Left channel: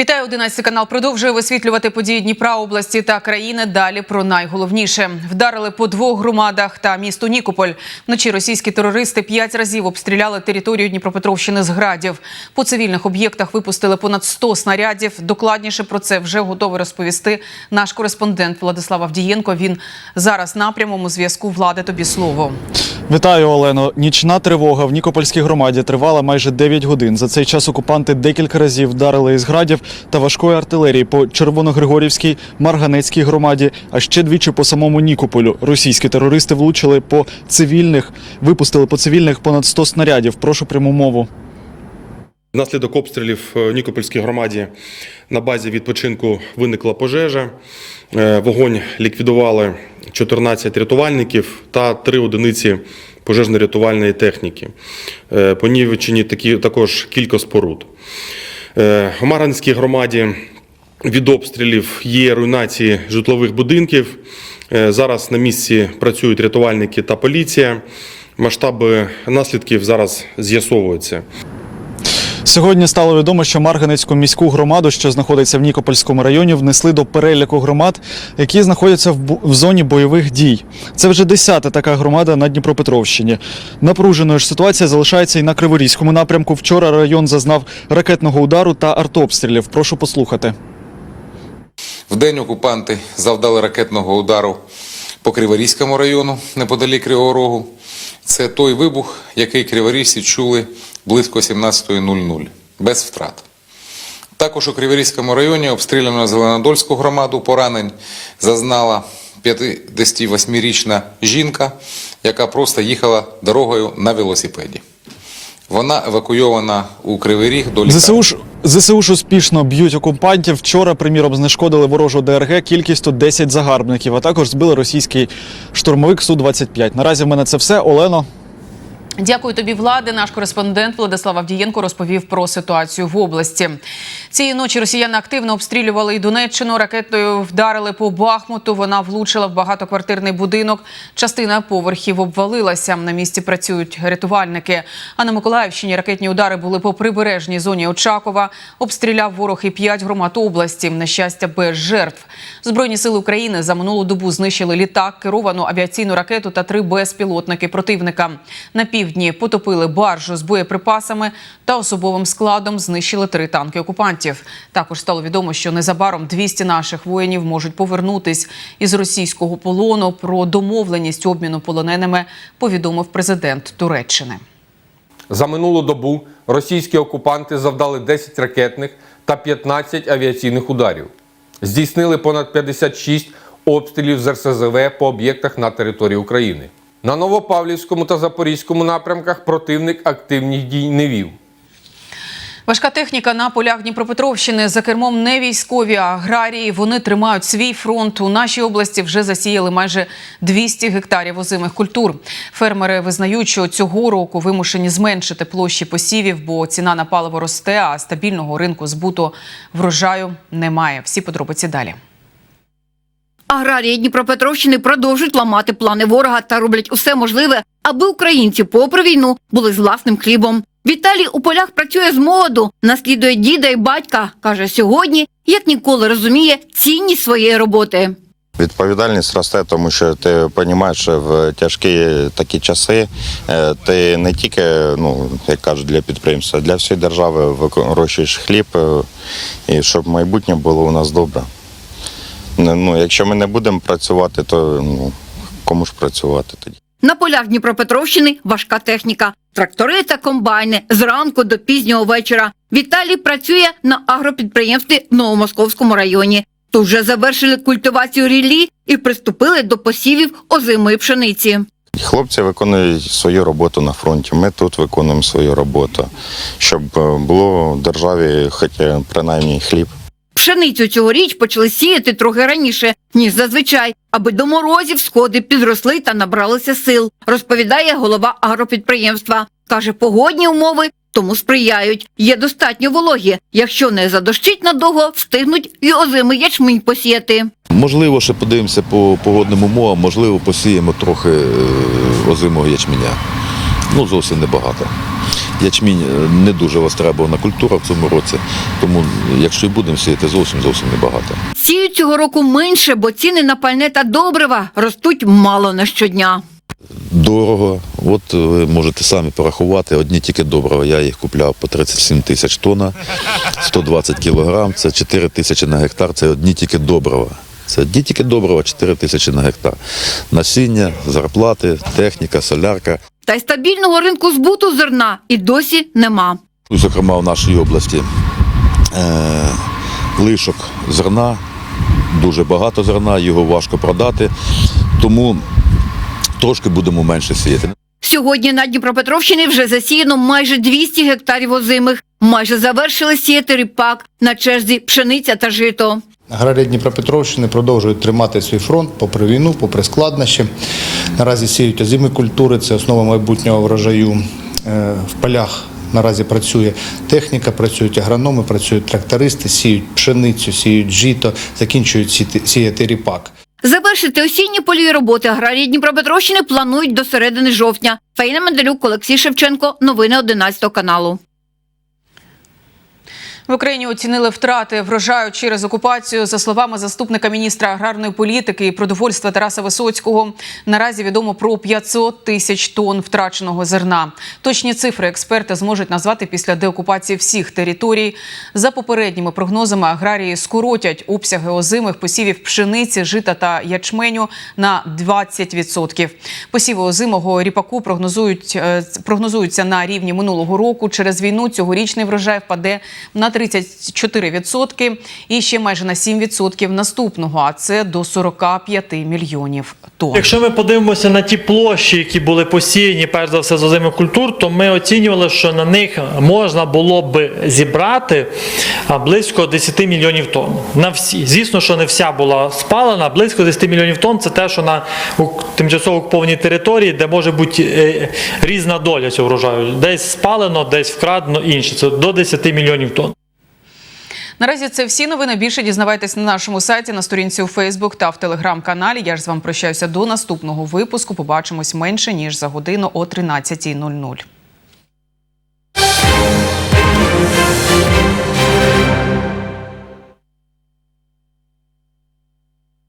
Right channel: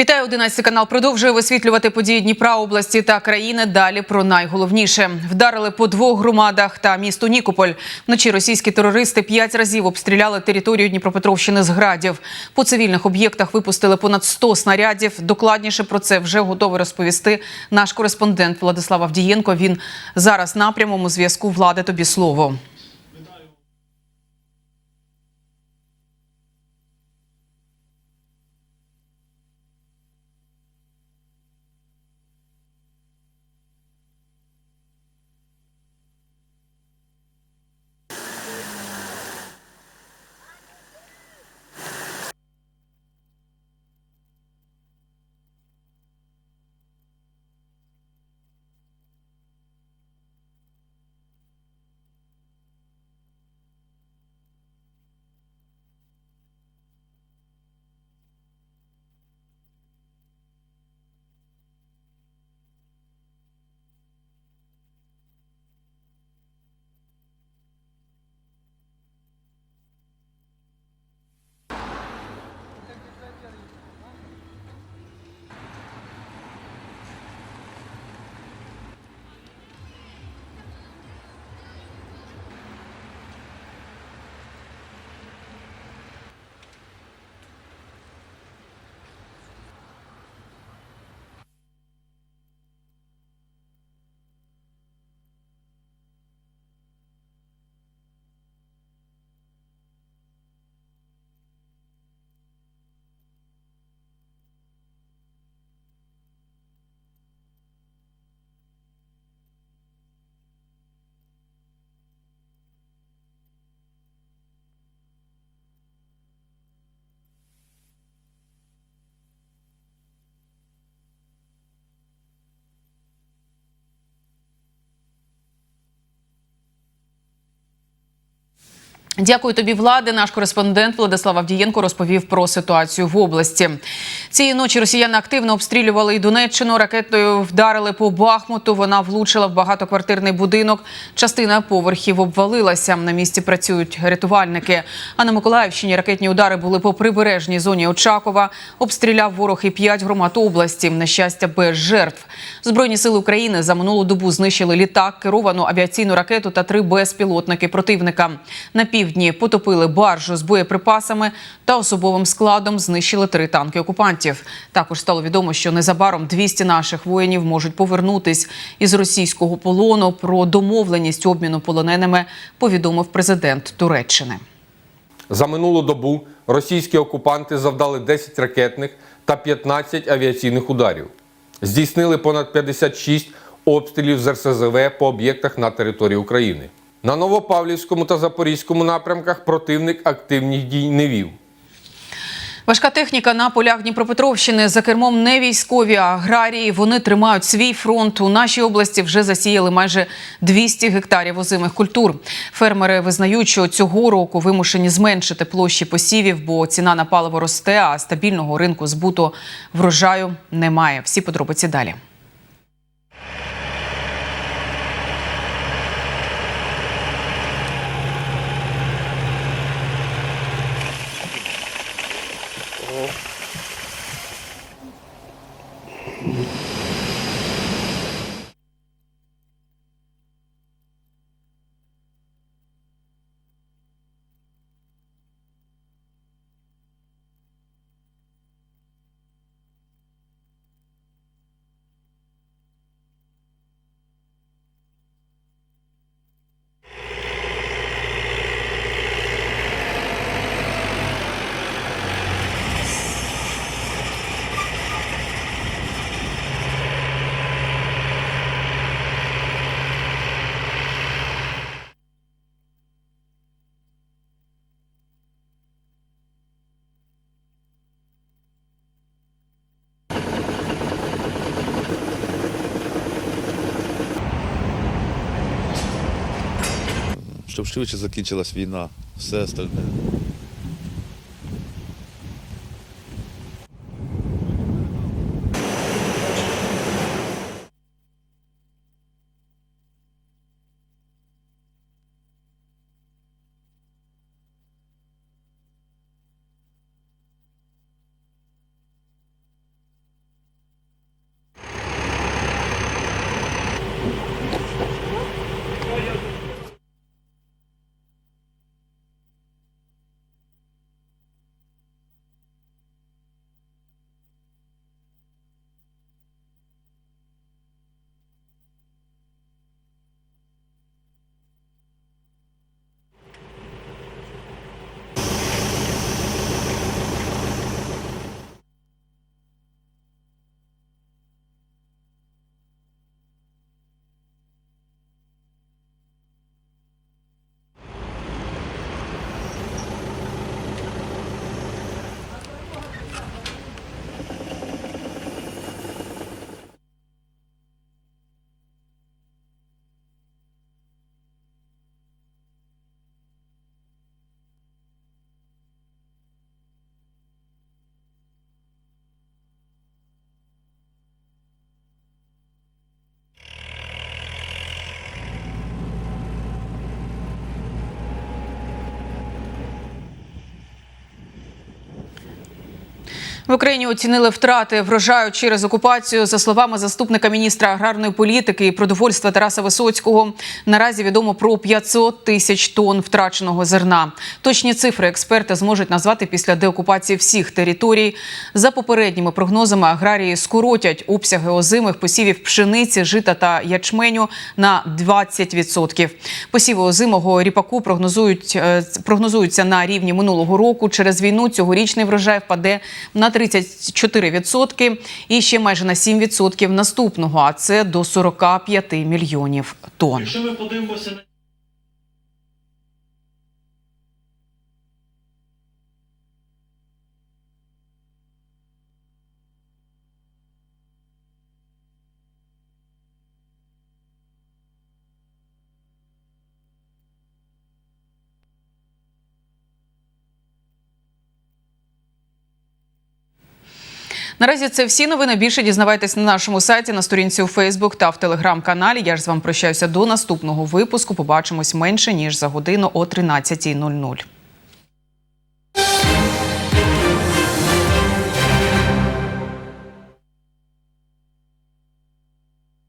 Вітаю 11 канал. Продовжує висвітлювати події Дніпра області та країни. Далі про найголовніше вдарили по двох громадах та місту Нікополь. Вночі російські терористи п'ять разів обстріляли територію Дніпропетровщини з градів. По цивільних об'єктах випустили понад 100 снарядів. Докладніше про це вже готовий розповісти наш кореспондент Владислав Авдієнко. Він зараз на прямому зв'язку. Влади тобі слово. Вітаю, Олено. Нічна тривога в Нікопольській громаді тривала майже 9 годин. За цей час окупанти декілька разів вдарили із градів та важкої артилерії по Червоногригорівській, Марганецькій громаді, а ще двічі по самому Нікополю. Російські терористи влучили по цивільних, випустили по цивільних понад 100 снарядів. Прошу пряму мову. Внаслідок обстрілів в Нікопольській громаді на базі відпочинку виникла пожежа. Е, Вогонь ліквідували 14 рятувальників та 3 одиниці пожежно-рятувальної техніки. Е, Понівечені такі також кілька споруд. Е, В Марганській громаді від обстрілів є руйнації житлових будинків. Е, Зараз на місці працюють рятувальники та поліція. Масштаби наслідків зараз з'ясовуються. Сьогодні стало відомо, що Марганецьку міську громаду, що знаходиться в Нікопольському районі, внесли до переліку громад, які знаходяться в, в зоні бойових дій. Це вже десята така громада на Дніпропетровщині. Напруженою ж ситуація залишається і на Криворізькому напрямку. Вчора район зазнав ракетного удару та артобстрілів. Прошу послухати. Вдень окупанти завдали ракетного удару по Криворізькому району неподалік Кривого Рогу. Це той вибух, який криворізці чули близько 17.00, без втрат. Також у Криворізькому районі обстріляно Зеленодольську громаду поранень зазнала 58-річна жінка, яка просто їхала дорогою на велосипеді. Вона евакуйована у Кривий Ріг до лікарні. ЗСУ ж ЗСУ ж успішно б'ють окупантів. Вчора, приміром, знешкодили ворожу ДРГ кількістю 10 загарбників, а також збили російський штурмовик Су-25. Наразі в мене це все. Олено. Дякую тобі, влади. Наш кореспондент Владислав Авдієнко розповів про ситуацію в області. Цієї ночі росіяни активно обстрілювали і Донеччину. Ракетою вдарили по Бахмуту. Вона влучила в багатоквартирний будинок. Частина поверхів обвалилася. На місці працюють рятувальники. А на Миколаївщині ракетні удари були по прибережній зоні Очакова. Обстріляв ворог і п'ять громад області. На щастя, без жертв. Збройні сили України за минулу добу знищили літак, керовану авіаційну ракету та три безпілотники противника. На півдні потопили баржу з боєприпасами та особовим складом знищили три танки окупантів. Також стало відомо, що незабаром 200 наших воїнів можуть повернутись із російського полону. Про домовленість обміну полоненими повідомив президент Туреччини. За минулу добу російські окупанти завдали 10 ракетних та 15 авіаційних ударів. Здійснили понад 56 обстрілів з РСЗВ по об'єктах на території України. На Новопавлівському та Запорізькому напрямках противник активних дій не вів. Важка техніка на полях Дніпропетровщини за кермом не військові, а аграрії. Вони тримають свій фронт. У нашій області вже засіяли майже 200 гектарів озимих культур. Фермери визнають, що цього року вимушені зменшити площі посівів, бо ціна на паливо росте, а стабільного ринку збуту врожаю немає. Всі подробиці далі. Аграрії Дніпропетровщини продовжують ламати плани ворога та роблять усе можливе, аби українці, попри війну, були з власним хлібом. Віталій у полях працює з молоду, наслідує діда і батька. каже, сьогодні як ніколи розуміє цінність своєї роботи. Відповідальність росте, тому що ти розумієш, що в тяжкі такі часи е, ти не тільки, ну як кажуть, для підприємства, для всієї держави вирощуєш хліб, е, і щоб майбутнє було у нас добре. Не- Ну, якщо ми не будемо працювати, то ну, кому ж працювати тоді? На полях Дніпропетровщини важка техніка, трактори та комбайни зранку до пізнього вечора. Віталій працює на агропідприємстві в Новомосковському районі. Тут вже завершили культивацію ріллі і приступили до посівів озимої пшениці. Хлопці виконують свою роботу на фронті. Ми тут виконуємо свою роботу, щоб е, було в державі хоча принаймні хліб. Пшеницю цьогоріч почали сіяти трохи раніше, ніж зазвичай, аби до морозів сходи підросли та набралися сил, розповідає голова агропідприємства. Каже, погодні умови тому сприяють. Є достатньо вологі. Якщо не задощить надовго, встигнуть і озимий ячмінь посіяти. Можливо, ще подивимося по погодним умовам, можливо, посіємо трохи е, озимого ячменя. Ну, зовсім небагато. Ячмінь е, не дуже востребована культура в цьому році. Тому якщо і будемо сіяти, зовсім зовсім небагато. Сіють цього року менше, бо ціни на пальне та добрива ростуть мало на щодня. Дорого. От ви можете самі порахувати. Одні тільки доброго. Я їх купляв по 37 тисяч тонн, 120 кілограм, це 4 тисячі на гектар, це одні тільки добрива. Це одні тільки добрива, 4 тисячі на гектар. Насіння, зарплати, техніка, солярка. Та й стабільного ринку збуту зерна і досі нема. Зокрема, в нашій області е, лишок зерна, дуже багато зерна, його важко продати, тому трошки будемо менше сіяти. Сьогодні на Дніпропетровщині вже засіяно майже 200 гектарів озимих. Майже завершили сіяти ріпак, на черзі пшениця та жито. Аграрії Дніпропетровщини продовжують тримати свій фронт попри війну, попри складнощі. Наразі сіють озимі культури, це основа майбутнього врожаю. Е, В полях наразі працює техніка, працюють агрономи, працюють трактористи, сіють пшеницю, сіють жито, закінчують сіяти- сіяти ріпак. Завершити осінні польові роботи аграрії Дніпропетровщини планують до середини жовтня. Фаїна Менделюк, Олексій Шевченко. Новини 11 каналу. В Україні оцінили втрати врожаю через окупацію. За словами заступника міністра аграрної політики і продовольства Тараса Висоцького, наразі відомо про 500 тисяч тонн втраченого зерна. Точні цифри експерти зможуть назвати після деокупації всіх територій. За попередніми прогнозами аграрії скоротять обсяги озимих посівів пшениці, жита та ячменю на 20%. Посіви озимого ріпаку прогнозують е, прогнозуються на рівні минулого року. Через війну цьогорічний врожай впаде на 34% і ще майже на 7% наступного, а це до 45 мільйонів тонн. Якщо ми подивимося на ті площі, які були посіяні, перш за все з озимих культур, то ми оцінювали, що на них можна було б зібрати близько 10 мільйонів тонн. На всі. Звісно, що не вся була спалена, близько 10 мільйонів тонн це те, що на тимчасово окупованій території, де може бути е, різна доля цього врожаю. Десь спалено, десь вкрадено інше. Це до 10 мільйонів тонн. Наразі це всі новини. Більше дізнавайтесь на нашому сайті, на сторінці у Фейсбук та в телеграм-каналі. Я ж з вами прощаюся до наступного випуску. Побачимось менше ніж за годину о 13.00.